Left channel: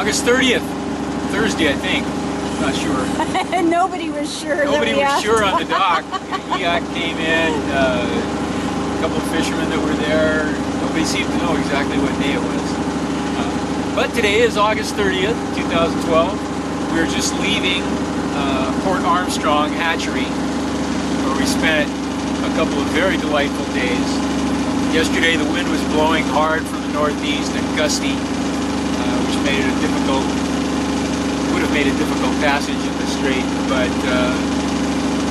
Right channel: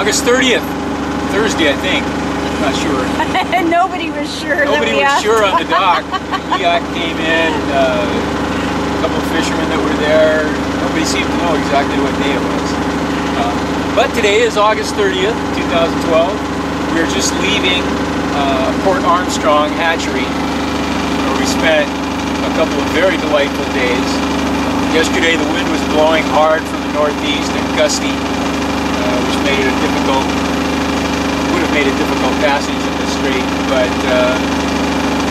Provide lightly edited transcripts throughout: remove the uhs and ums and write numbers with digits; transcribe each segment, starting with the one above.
August 30th, Thursday, I think. Not sure. Nobody was sure. Nobody was sure on the dock. The yacht came in, a couple of fishermen that were there. Nobody seemed to know exactly what day it was. But today is August 30th, 2012. We're just leaving Port Armstrong hatchery, where we spent a couple of very delightful days. Yesterday the wind was blowing hard from the northeast and gusty, which made it would have made a difficult passage in the strait, but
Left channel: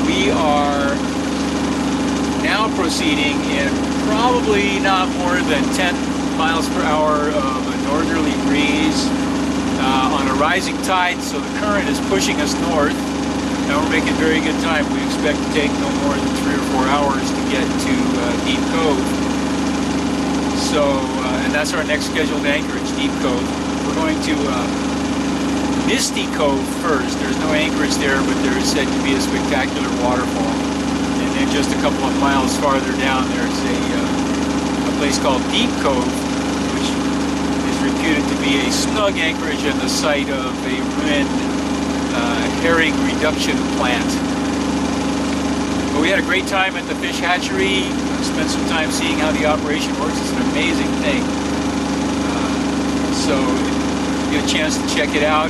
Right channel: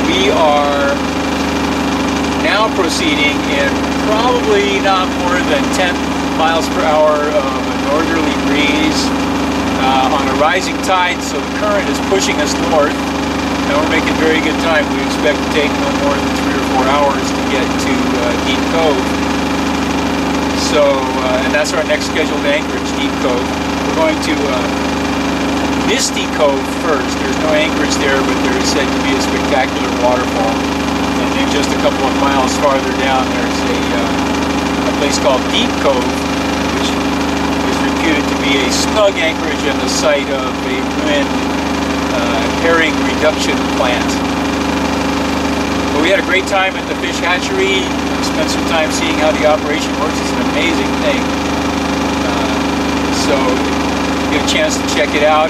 we are now proceeding in probably not more than 10 miles per hour of a northerly breeze on a rising tide, so the current is pushing us north. Now we're making very good time. We expect to take no more than 3 or 4 hours to get to Deep Cove. So, and that's our next scheduled anchorage, Deep Cove. We're going to Misty Cove first. There's no anchorage there, but there is said to be a spectacular waterfall. And then just a couple of miles farther down, there's a place called Deep Cove, which is reputed to be a snug anchorage and the site of a ruined herring reduction plant. But we had a great time at the fish hatchery. Spent some time seeing how the operation works. It's an amazing thing. So if you get a chance to check it out,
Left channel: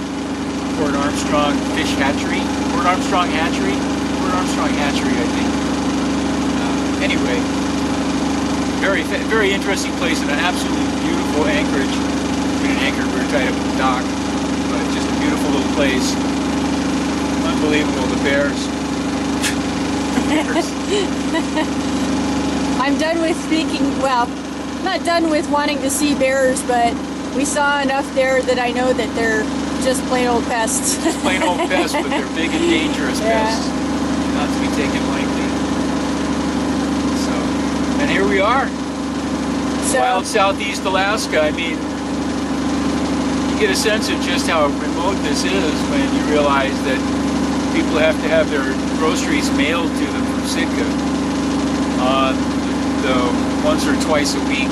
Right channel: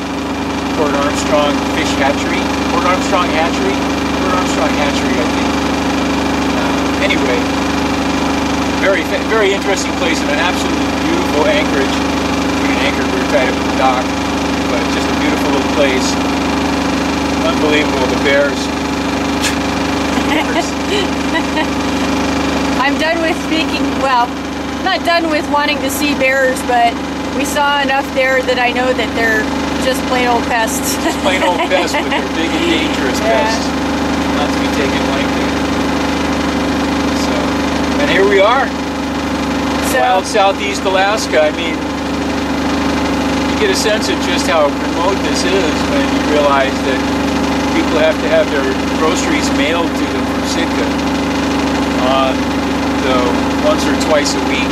Port Armstrong Fish Hatchery. Port Armstrong Hatchery? Port Armstrong Hatchery, I think. Anyway, very interesting place and an absolutely beautiful anchorage. We didn't anchor, we were tied up at the dock, but just a beautiful little place. Unbelievable, the bears. I'm done with speaking, well, not done with wanting to see bears, but we saw enough there that I know that they're just plain old pests. Just plain old pests, but they're big and dangerous pests. Not to be taken lightly. So, and here we are. Wild southeast Alaska. I mean, you get a sense of just how remote this is when you realize that people have to have their groceries mailed to them from Sitka on the once or twice a week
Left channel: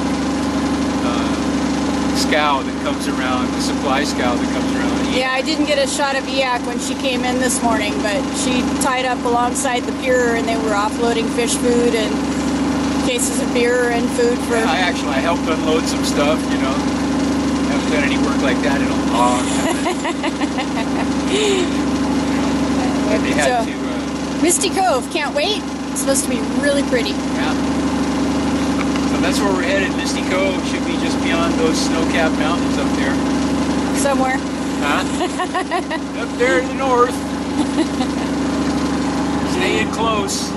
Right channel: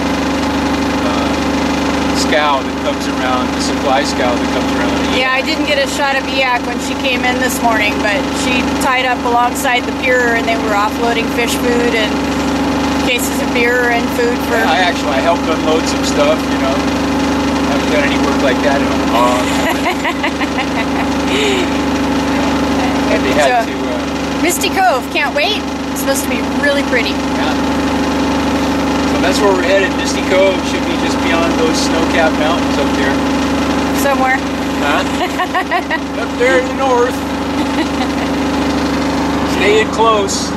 scow that comes around, the supply scow that comes around. Yeah, I didn't get a shot of Eak when she came in this morning, but she tied up alongside the pier and they were offloading fish food and cases of beer and food for... Yeah, I helped unload some stuff, you know. Haven't done any work like that in a long time. But they had to... Misty Cove, can't wait. It's supposed to be really pretty. Yeah. So that's where we're headed. Misty Cove should be just beyond those snow-capped mountains up there. Somewhere. Huh? Up there in the north. Stay in close.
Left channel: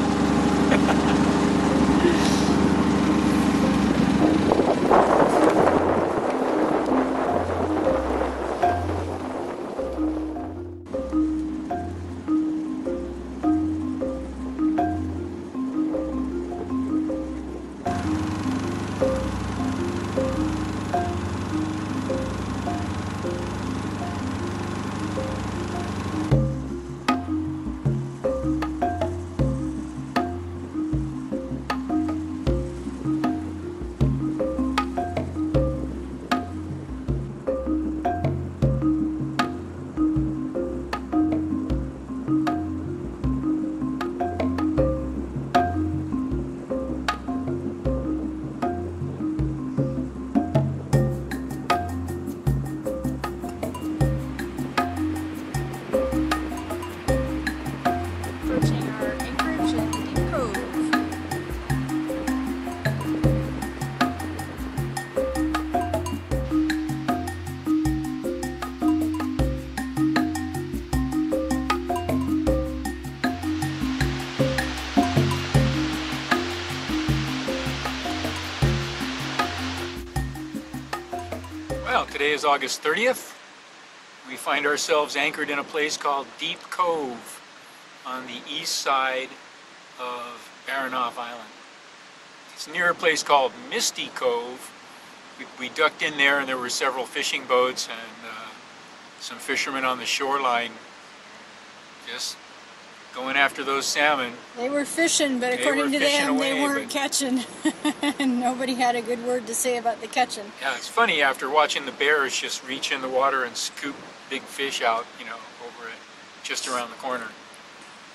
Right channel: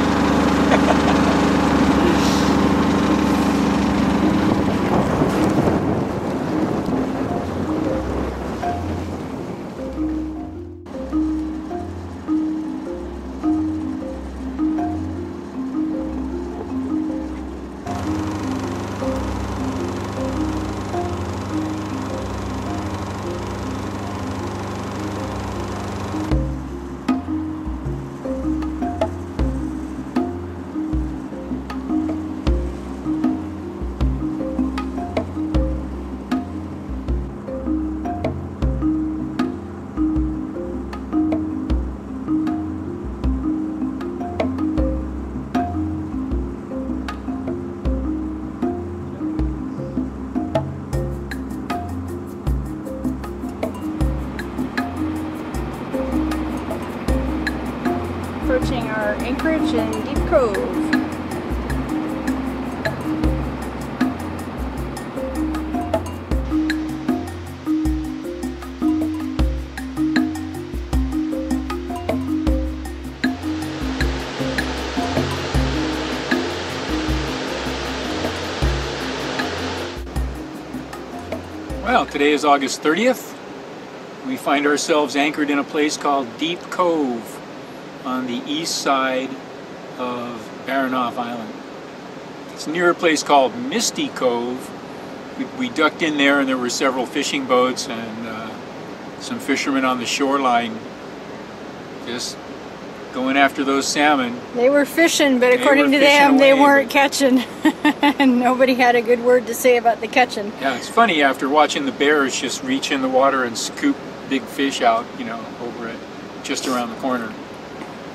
Approaching our anchorage in Deep Cove. Well, today is August 30th. We find ourselves anchored in a place called Deep Cove on the east side of Baranof Island. It's near a place called Misty Cove. We ducked in there and there were several fishing boats and some fishermen on the shoreline just going after those salmon. They were fishing, but according to them, they weren't catching. And nobody had a good word to say about the catching. Yeah, it's funny after watching the bears just reach in the water and scoop big fish out, you know, over it, just around the corner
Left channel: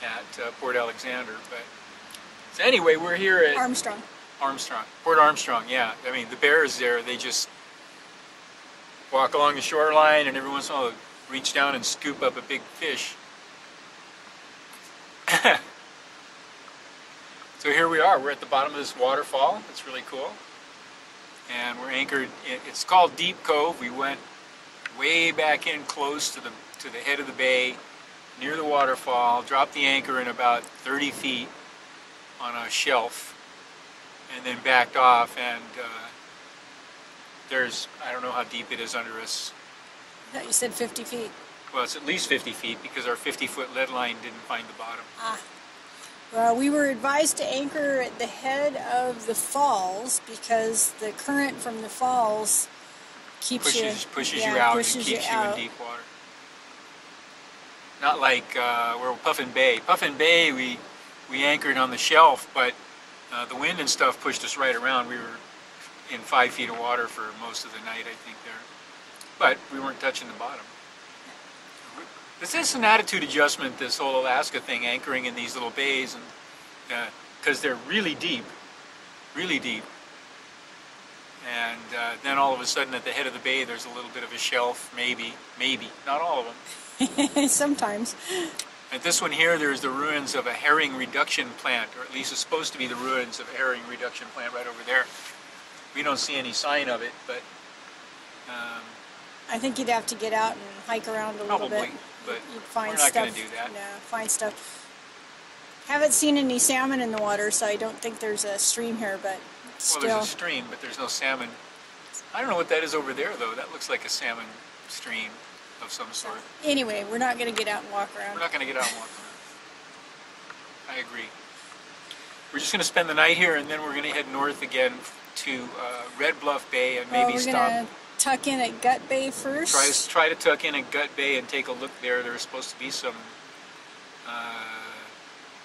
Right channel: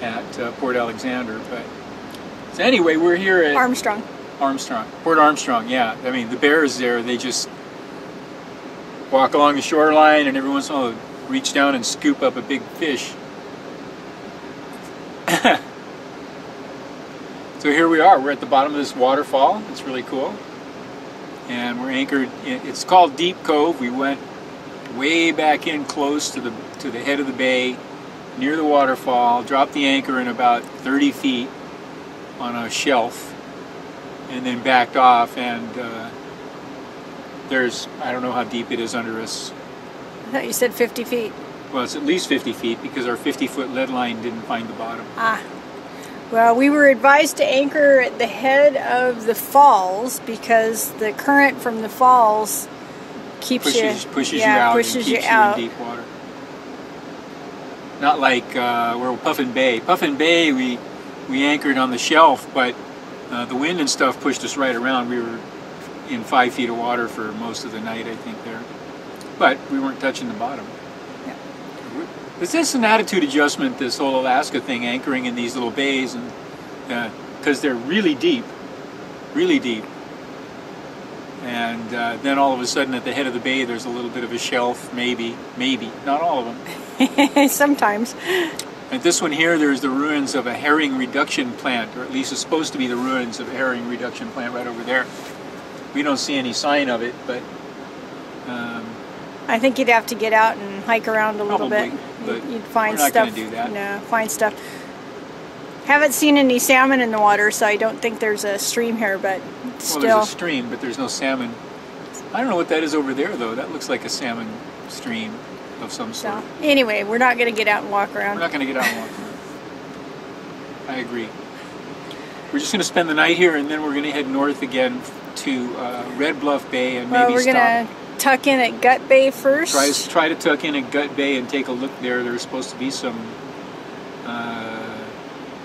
at Port Alexander. But so anyway, we're here at Armstrong. Port Armstrong. Yeah, I mean the bears there, they just walk along the shoreline and every once in a while reach down and scoop up a big fish. So here we are. We're at the bottom of this waterfall. It's really cool, and we're anchored. It's called Deep Cove. We went way back in close to the head of the bay, near the waterfall. Dropped the anchor in about 30 feet on a shelf, and then backed off. And there's, I don't know how deep it is under us. I thought you said 50 feet. Well, it's at least 50 feet because our 50-foot lead line didn't find the bottom. Ah. Well, we were advised to anchor at the head of the falls because the current from the falls pushes you out and keeps you in deep water. Not like we're Puffin Bay. Puffin Bay, we anchored on the shelf, but the wind and stuff pushed us right around. We were in 5 feet of water for most of the night, I think, there. But we weren't touching the bottom. This is an attitude adjustment, this whole Alaska thing, anchoring in these little bays, and because they're really deep. And then all of a sudden at the head of the bay there's a little bit of a shelf, maybe, not all of them. Sometimes. At this one here, there's the ruins of a herring reduction plant, or at least it's supposed to be the ruins of a herring reduction plant right over there. We don't see any sign of it, but I think you'd have to get out and hike around a little bit. But you'd find we're not stuff. going to do that. No, find stuff. Haven't seen any salmon in the water, so I don't think there's a stream here, but still. Well, there's a stream, but there's no salmon. I don't know what that is over there, though. That looks like a salmon stream of some sort. So, anyway, we're not going to get out and walk around. We're not going to get out and walk around. I agree. We're just going to spend the night here, and then we're going to head north again to Red Bluff Bay and maybe stop. We're going to tuck in at Gut Bay first. Try to tuck in at Gut Bay and take a look there. There's supposed to be some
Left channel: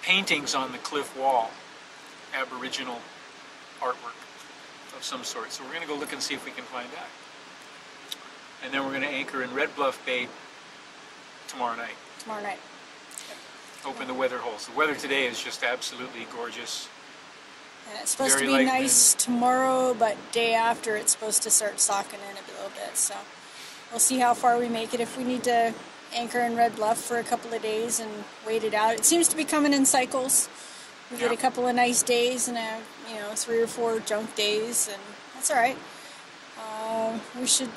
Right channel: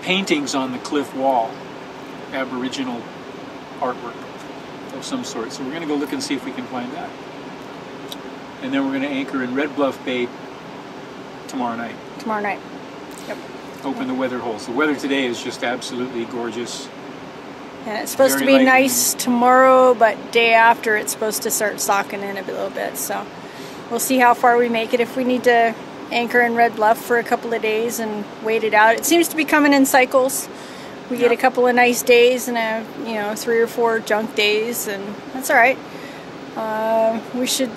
paintings on the cliff wall, Aboriginal artwork of some sort. So we're going to go look and see if we can find that. And then we're going to anchor in Red Bluff Bay tomorrow night. Yep. Open the weather holes. The weather today is just absolutely gorgeous. And it's supposed to be nice tomorrow, but day after it's supposed to start socking in a little bit. So we'll see how far we make it. If we need to anchor in Red Bluff for a couple of days and wait it out. It seems to be coming in cycles. We get a couple of nice days and 3 or 4 junk days, and that's all right. We should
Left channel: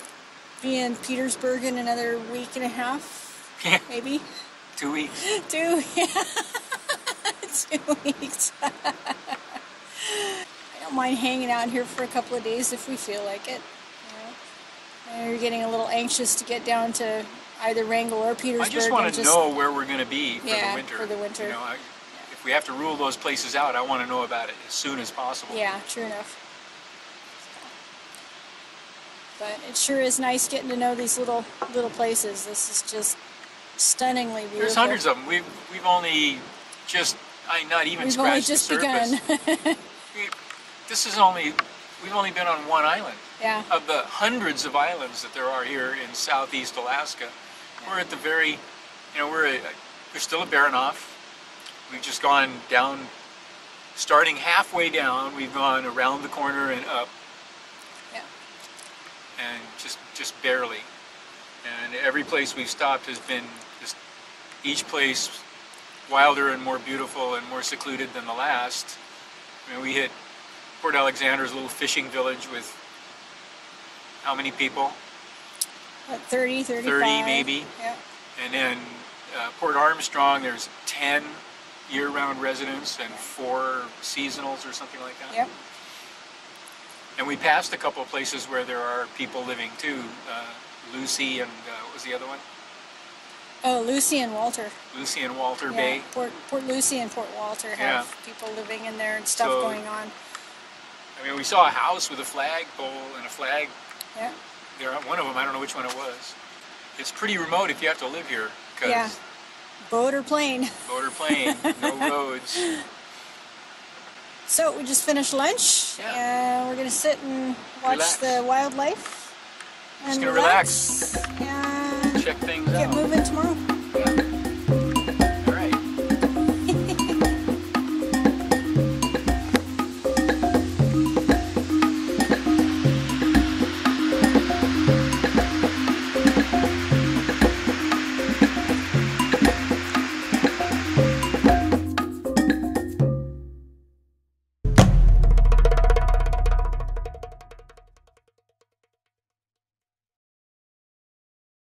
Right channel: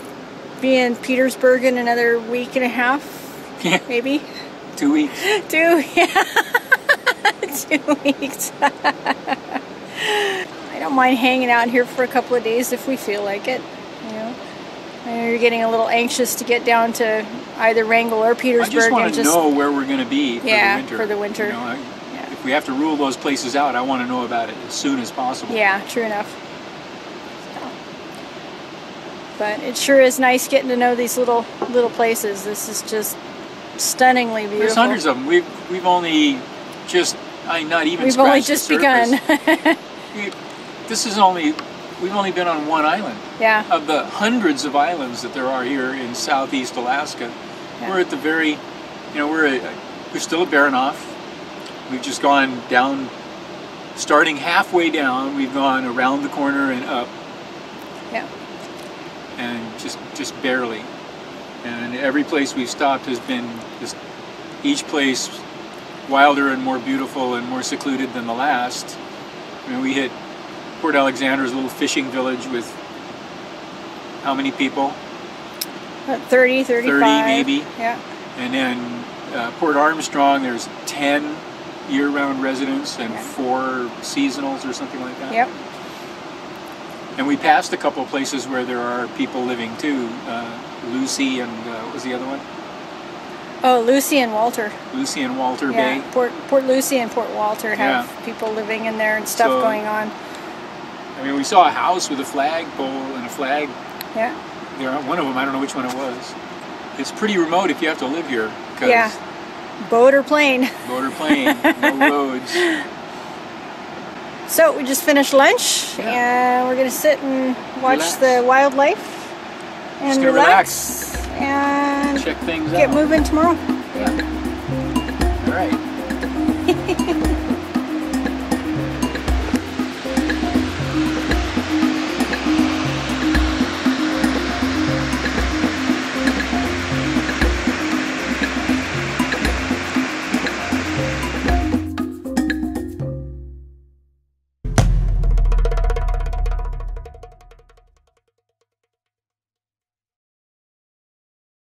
be in Petersburg in another week and a half, maybe. 2 weeks. 2 weeks. I don't mind hanging out here for a couple of days if we feel like it. I know you're getting a little anxious to get down to either Wrangell or Petersburg. I just want to know where we're going to be for the winter. For the winter. If we have to rule those places out, I want to know about it as soon as possible. Yeah, true enough. But it sure is nice getting to know these little places. This is just stunningly beautiful. There's hundreds of them. We've only just not even scratched the surface. We've only just begun. We've only been on one island. Yeah. Of the hundreds of islands that there are here in southeast Alaska, we're at the very, we're still at Baranof. We've just gone down, starting halfway down. We've gone around the corner and up. Yeah. And just barely. And every place we've stopped has been just each place wilder and more beautiful and more secluded than the last. I mean, we hit Port Alexander's little fishing village with how many people? 30, 35. 30 maybe. Yeah. And then Port Armstrong, there's 10 year-round residents and 4 seasonals or something like that. Yep. And we passed a couple of places where there are people living too. Lucy and what was the other one? Oh, Lucy and Walter. Lucy and Walter Bay. Port Lucy and Port Walter have people living in there and stuff going on. I mean, we saw a house with a flagpole and a flag. Yeah. There, one of them, I don't know which one it was. It's pretty remote if you have to live here, because Boat or plane. Boat or plane, no roads. So we just finished lunch, and we're gonna sit and watch the wildlife and just gonna relax and check things get out. moving tomorrow. Yeah.